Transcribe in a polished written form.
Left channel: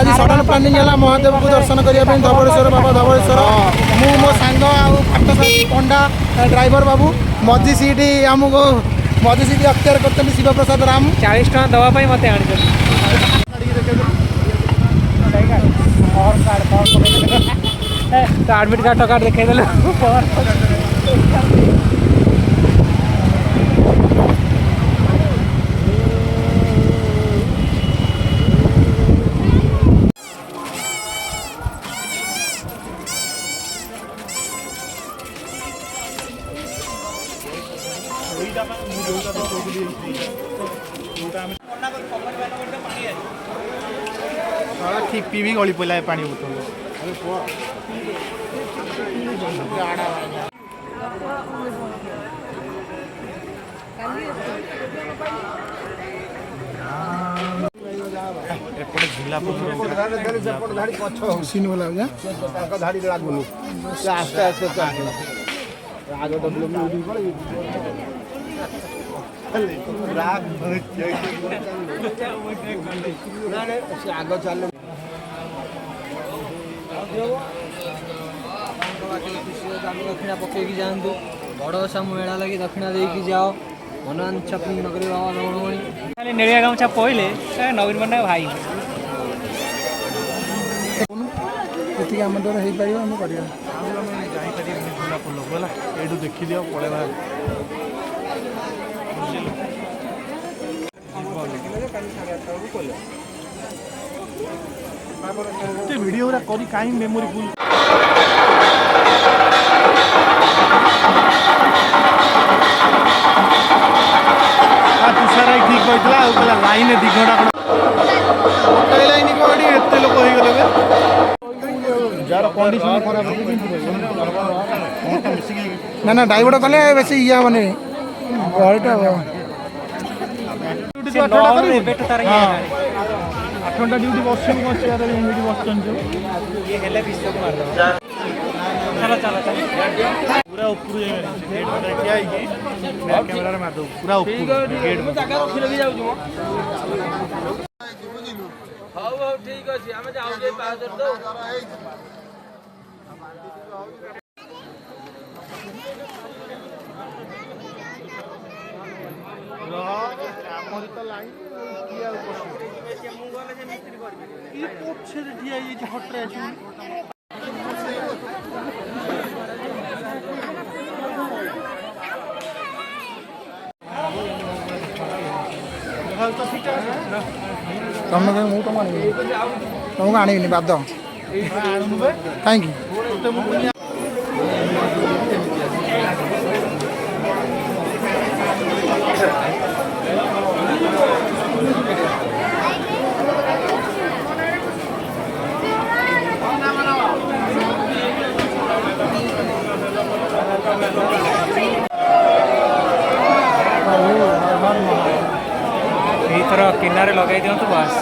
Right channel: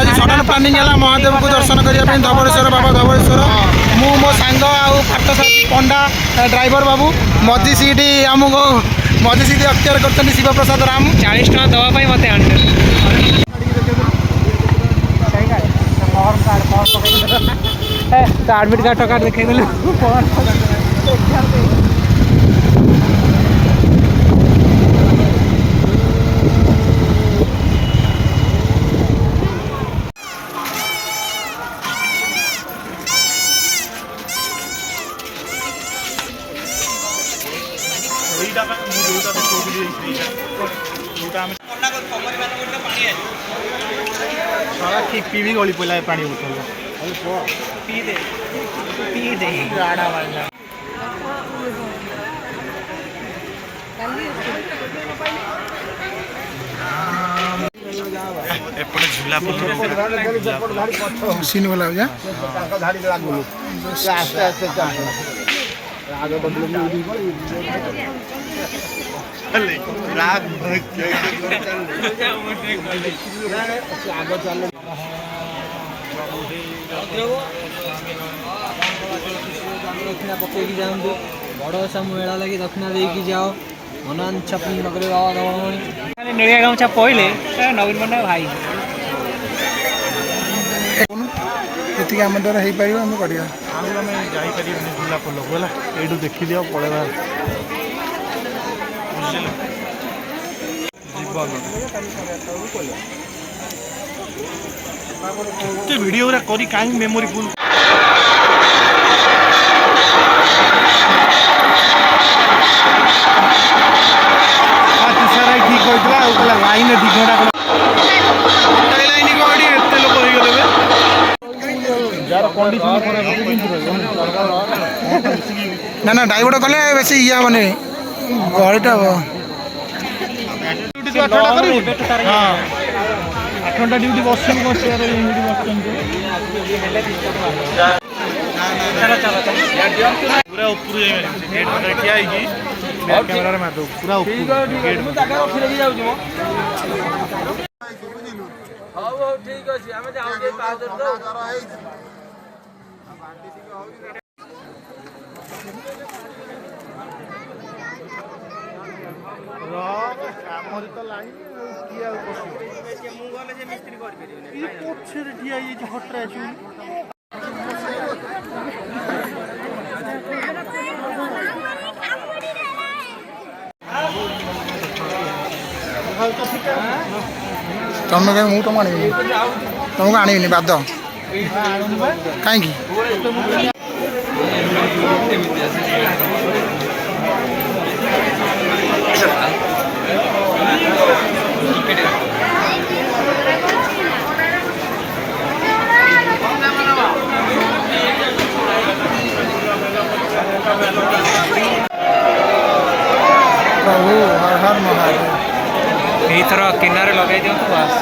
आज sudden planning है महादेव को दर्शन करने धवलेश्वर बाबा धवलेश्वर मु मो सांग पंडा ड्राइवर बाबू मझी सीट आमको मझी सीट अख्तियार कर शिव प्रसाद राम 40 टका दवाई मत आने आडमिट कार्ड टका देखे ठीक पीवी गली पड़ा पानी बोतल एपटे झूला सीन वाला हो जा आस्ते आस्ते आगे चल दक्षिणा पकई जातु बड़ ओषा मेला लगी दक्षिणा देकी जाओ मनोंच्छा पूर्ण कर निड़िया गामछा पहले नवीन पट्टनायक भाई ये आम द्वारा हो पार आम कर झूला पोल ये देखी दियो पड़ेगा वीडियो करी कहीं मेमोरी फुल तुषार ठीक होता लाइन 2 घंटा लाइन कड़ी एत लोक हो गले जार कंडीशन खराब ना ना डाइवर्ट कले बेस इया माने गहलीटा 8 घंटा ड्यूटी बस पूरा ऊपर पूरा तुम कहीं तुम तुमको आनी बाध कहीं प्रभु हर हर महादेव थर किनारे लगे दिंतु बस